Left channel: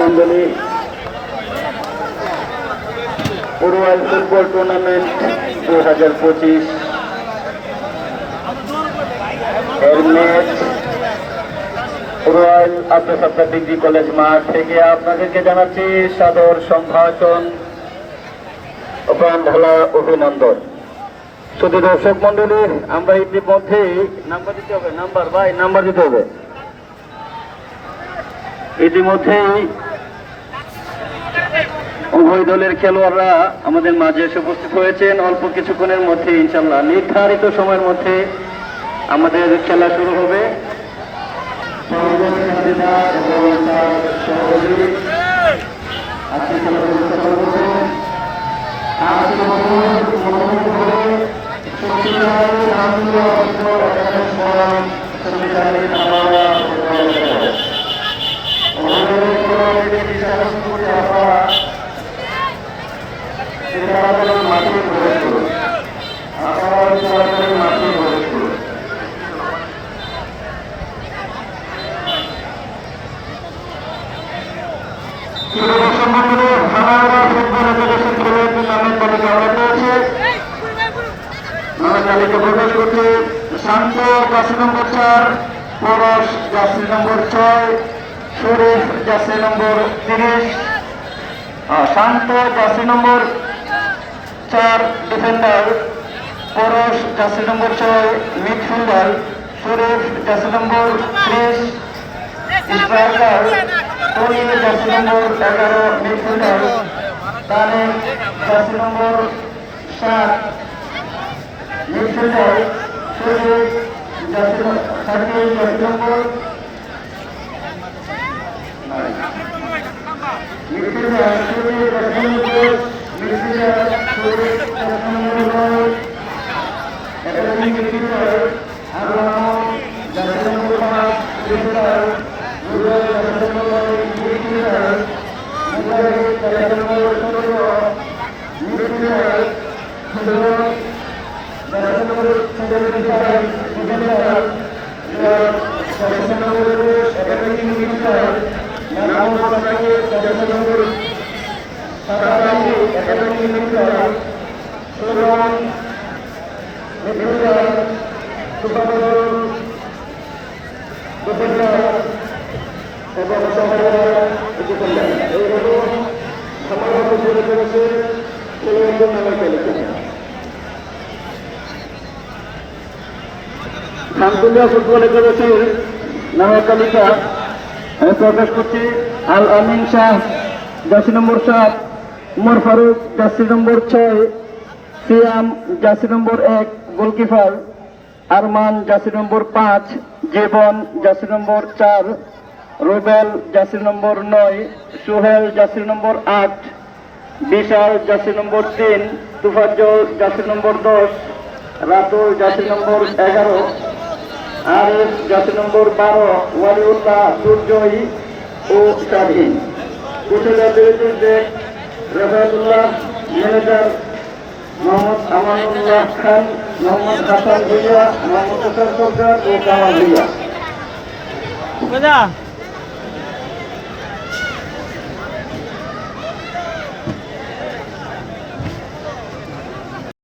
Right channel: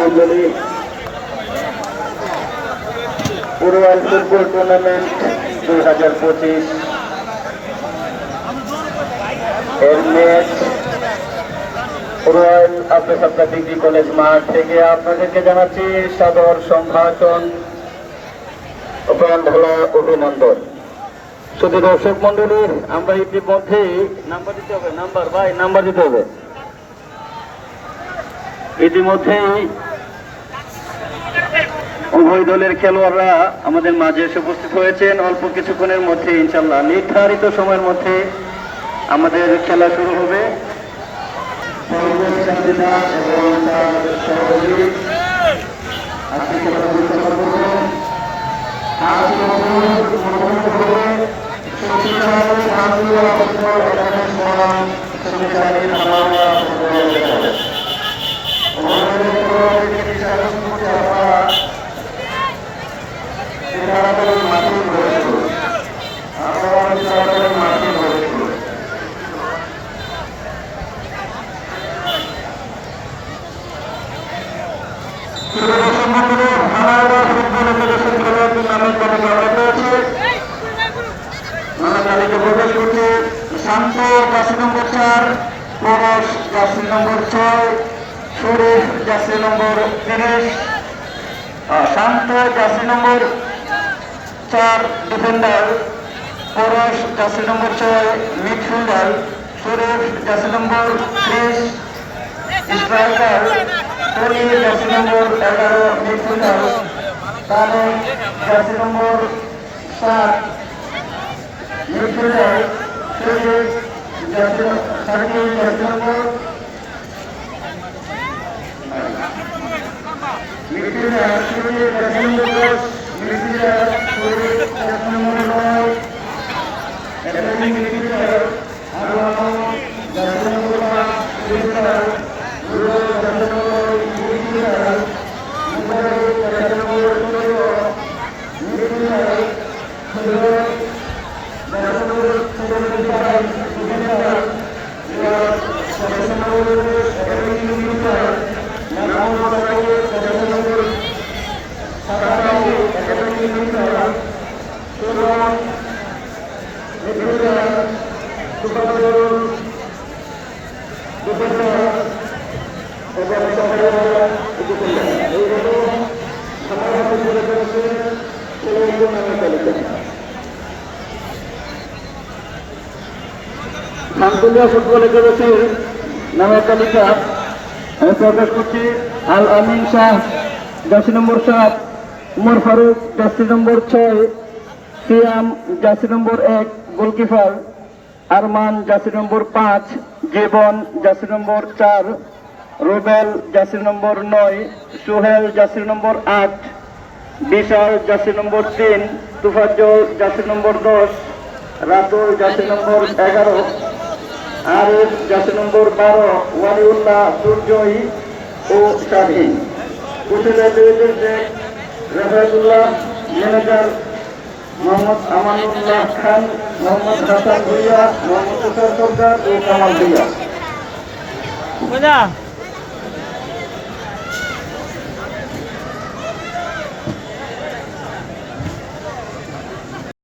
মন্ডলী royal football tournament 2025 এর match royal Abdul Sattar degree college মাঠ থেকে আপনাদেরকে জানাচ্ছি সাদর সম্ভাষণ ও প্রাণ ঢালা অভিনন্দন। শুধু দর্শক মন্ডলী, আমরা ইতিমধ্যে নাম্বার দিতে হবে, নাম্বার দিতে হবে। ইতিমধ্যেই উভয় দলের খেলোয়াড়রা আমাদের মাঝে এসে উপস্থিত হয়েছেন। অল্প কিছুক্ষণের মধ্যে ইনশাল্লাহ নির্ধারিত সময়ের মধ্যে আমাদের খেলা শুরু হবে। তাড়াতাড়ি মাঠে প্রবেশ করুন, আপনারা তাড়াতাড়ি মাঠে প্রবেশ করুন। শান্ত 10 নম্বর 4, পরশ 10 নম্বর 6, শরীফ 10 নম্বর 30, শান্ত 10 নম্বর 4 ডিফেন্ডার, পরশ 10 নম্বর 6 মিডফিল্ডার, শরীফ 10 নম্বর 30 স্ট্রাইকার, তরি 10 number 11 midfielder, Tamim 10 number 7 midfielder, Sharif 10 number midfielder, Sharif 10 number midfielder, Sharif 10 number midfielder, আল্লাহ 10 number midfielder, Rubel 10 number midfielder, Mubarak 10 number midfielder, Suraj 10 number midfielder, midfielder 10 number midfielder, নামাজ 10 নম্বর সাদাকালি 10 midfielder, Sumon midfielder, Subhanul defender, Shantalia football একাদশীর নামের তালিকা আমি প্রকাশ করছি। আল আমিন শাহ 10 নম্বর 7, উমর ফারুক 10 নম্বর 6, সিয়াম 10 নম্বর 1 গোলকিপার, আরমান 10 নম্বর 5, জীবন 10 নম্বর 4, রুবেল 10 নম্বর 9, সোহেল 10 নম্বর 8, বিশাল 10 নম্বর 3, তুফাজ্জল 10 নম্বর 10, রাতুল 10 নম্বর 11, আরিফ 10 নম্বর 12, ওয়ালিউল্লাহ, দুর্জয়ী ও স্বাধীন। রাফায়েতুল্লাহ, ম্যানেজার মোহাম্মদ আমানুল্লাহ খান, মোহাম্মদ হাসান ভুইয়া, মোহাম্মদ তুষার সরকার ও কামাল ভুইয়া।